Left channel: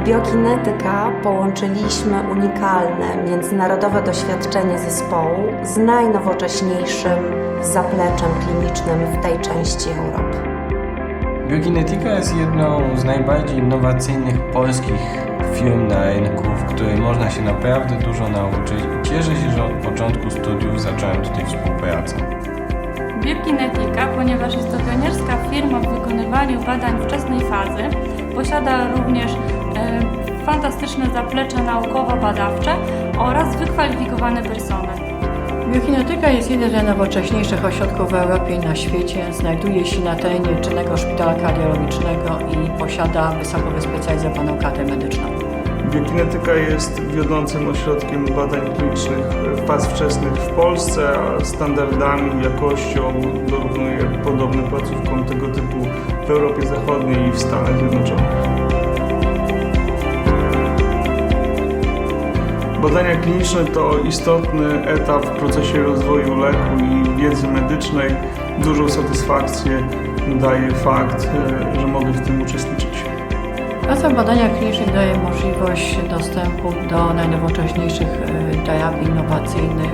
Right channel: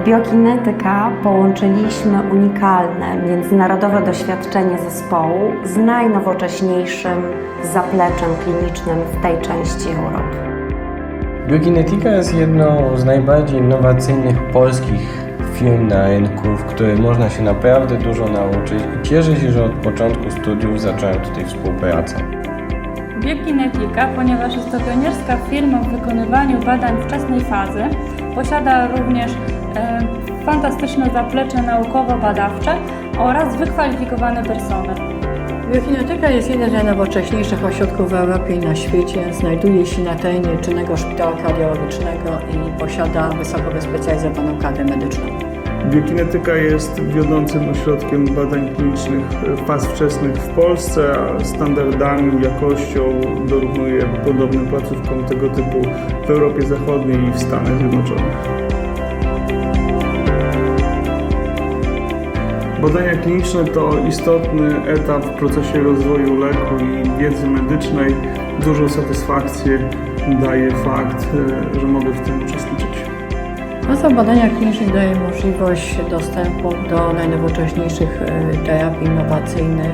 W Biokinetyka połączyliśmy unikalne międzynarodowe doświadczenie zespołu z najnowocześniejszym zapleczem klinicznym w tej części Europy. Biokinetyka jest jedną z najbardziej innowacyjnych polskich firm na rynku, w której można się naprawdę dużo nauczyć i cieszę się, że od początku studiów zacząłem tutaj współpracę. Biokinetyka, ponieważ jest to pionierska firma w wykonywaniu badań wczesnej fazy, posiada również fantastyczne zaplecze naukowo-badawcze oraz wykwalifikowane personel. Biokinetyka jest jednym z najnowocześniejszych ośrodków w Europie i na świecie. Znajduje się na terenie czynnego szpitala kardiologicznego i posiada wysoko wyspecjalizowaną kadrę medyczną. Biokinetyka jest wiodącym ośrodkiem badań klinicznych faz wczesnych w Polsce, a standardami, jakością dorównuje podobnym placówkom tego typu w Europie Zachodniej i w Stanach Zjednoczonych. Badania kliniczne to istotny etap w procesie rozwoju leku i wiedzy medycznej. Dużą satysfakcję daje fakt, że mogę w tym uczestniczyć. Praca w badaniach klinicznych daje możliwość dostępu do najnowocześniejszych terapii innowacyjnych,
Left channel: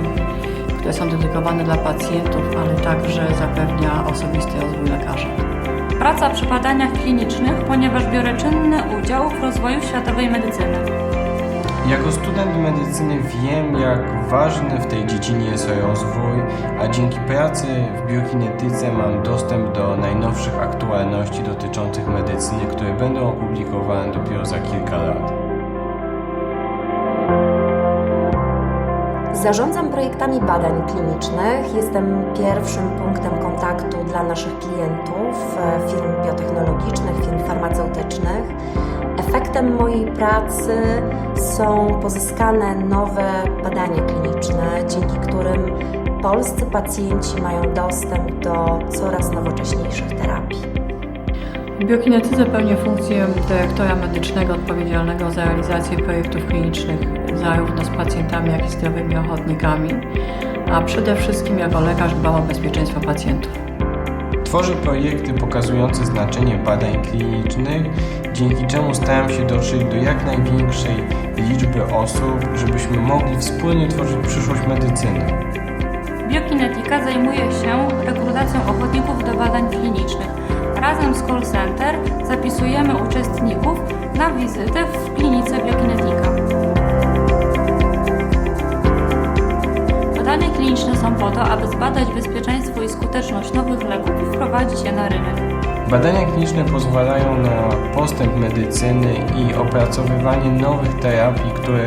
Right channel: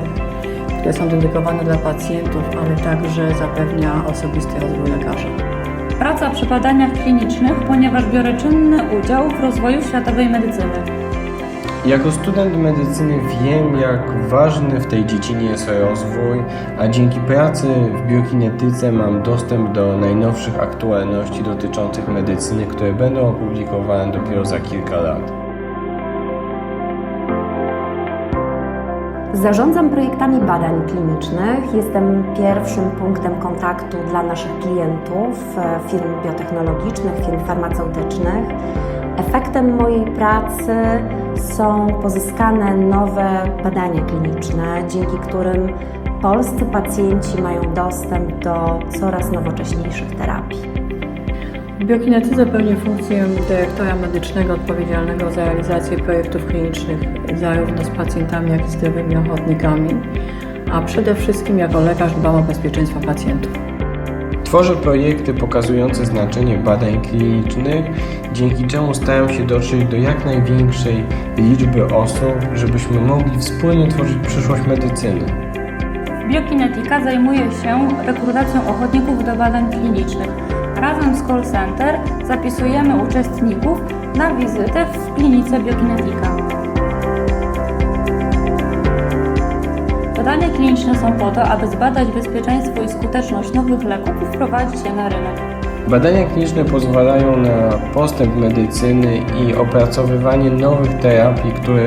które są dedykowane dla pacjentów, ale także zapewnia osobisty rozwój lekarza. Praca przy badaniach klinicznych, ponieważ biorę czynny udział w rozwoju światowej medycyny. Jako student medycyny wiem, jak ważny w tej dziedzinie jest rozwój, a dzięki pracy w biokinetyce mam dostęp do najnowszych aktualności dotyczących medycyny, które będą opublikowane dopiero za kilka lat. Zarządzam projektami badań klinicznych. Jestem pierwszym punktem kontaktu dla naszych klientów, firm biotechnologicznych, firm farmaceutycznych. Efektem mojej pracy są pozyskane nowe badania kliniczne, dzięki którym polscy pacjenci mają dostęp do coraz nowocześniejszych terapii. W biokinetyce pełnię funkcję dyrektora medycznego odpowiedzialnego za realizację projektów klinicznych zarówno z pacjentami, jak i zdrowymi ochotnikami, a przede wszystkim jako lekarz dbam o bezpieczeństwo pacjentów. Tworzę projekty pokazujące znaczenie badań klinicznych, dzięki czemu staram się dotrzeć do jak największej liczby osób, żebyśmy mogli wspólnie tworzyć przyszłość medycyny. Biokinetyka zajmuje się rekrutacją ochotników do badań klinicznych. Razem z call center zapisujemy uczestników na wizytę w klinice Biokinetyka. Badania kliniczne są po to, aby zbadać bezpieczeństwo i skuteczność nowych leków i wprowadzić je na rynek. Badania kliniczne pozwalają na postęp medycyny i opracowywanie nowych terapii, które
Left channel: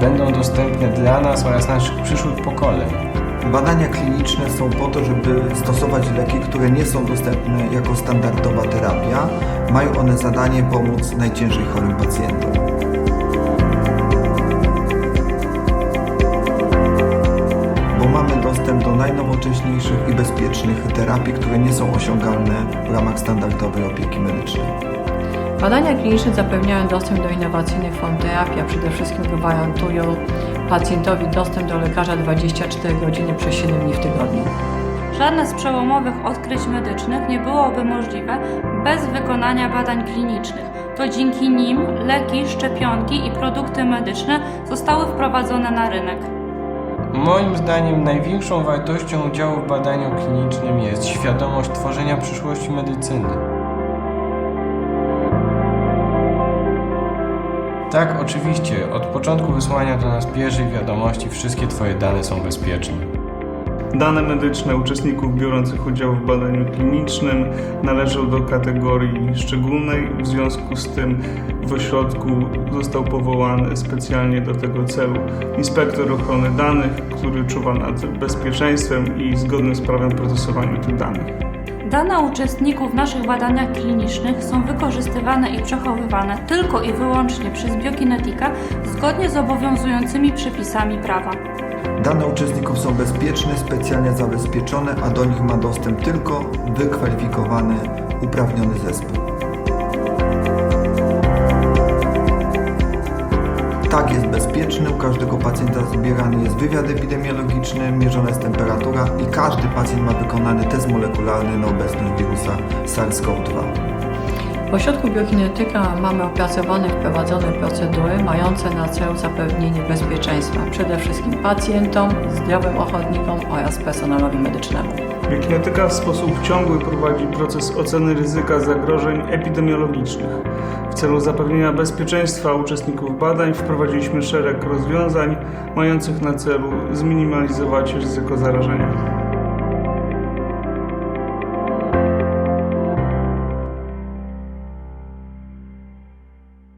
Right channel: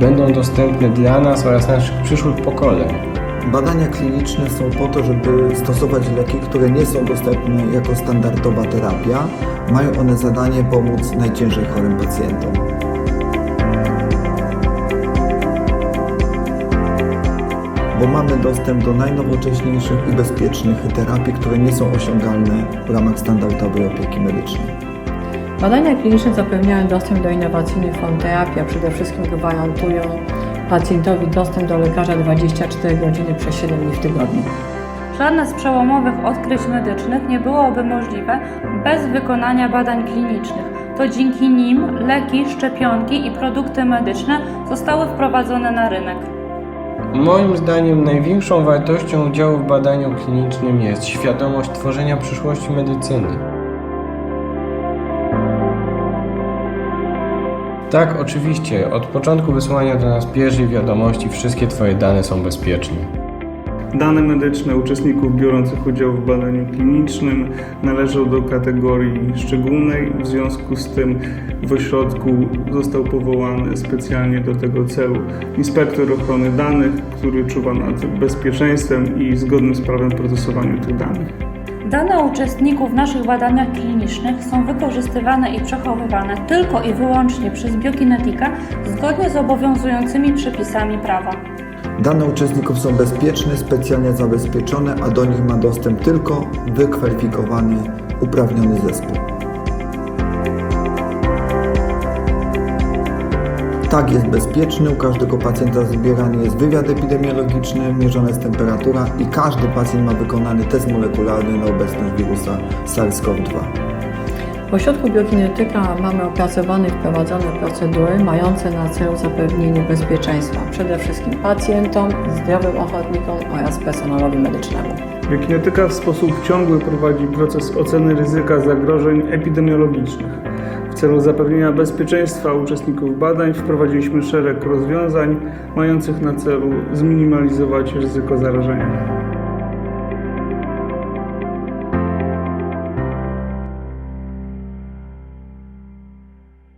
będą dostępne dla nas oraz naszych przyszłych pokoleń. Badania kliniczne są po to, żeby stosować leki, które nie są dostępne jako standardowa terapia. Mają one zadanie pomóc najciężej chorym pacjentom. Bo mamy dostęp do najnowocześniejszych i bezpiecznych terapii, które nie są osiągalne w ramach standardowej opieki medycznej. Badania kliniczne zapewniają dostęp do innowacyjnych form terapii, a przede wszystkim gwarantują pacjentowi dostęp do lekarza 24 godziny przez 7 dni w tygodniu. Żadne z przełomowych odkryć medycznych nie byłoby możliwe bez wykonania badań klinicznych. To dzięki nim leki, szczepionki i produkty medyczne zostały wprowadzone na rynek. Moim zdaniem największą wartością udziału w badaniu klinicznym jest świadomość tworzenia przyszłości medycyny. Tak, oczywiście, od początku wysłania do nas pierwszej wiadomości wszystkie Twoje dane są bezpieczne. Dane medyczne uczestników biorących udział w badaniu klinicznym należą do kategorii szczególnej. W związku z tym w ośrodku został powołany specjalnie do tego celu inspektor ochrony danych, który czuwa nad bezpieczeństwem i zgodnym z prawem procesowaniu tych danych. Dane uczestników w naszych badaniach klinicznych są wykorzystywane i przechowywane tylko i wyłącznie przez Biokinetykę zgodnie z obowiązującymi przepisami prawa. Dane uczestników są bezpieczne, specjalnie zabezpieczone, a do nich ma dostęp tylko wykwalifikowany, uprawniony zespół. Tak, jest bezpieczny. U każdego pacjenta zbierany jest wywiad epidemiologiczny, mierzona jest temperatura i każdy pacjent ma wykonany test molekularny na obecność wirusa SARS-CoV-2. W ośrodku biokinetyka mamy opracowane i wprowadzone procedury mające na celu zapewnienie bezpieczeństwa przede wszystkim pacjentom, zdrowym ochotnikom oraz personelowi medycznemu. Biokinetyka w sposób ciągły prowadzi proces oceny ryzyka zagrożeń epidemiologicznych. W celu zapewnienia bezpieczeństwa uczestników badań wprowadziliśmy szereg rozwiązań mających na celu zminimalizować ryzyko zarażenia.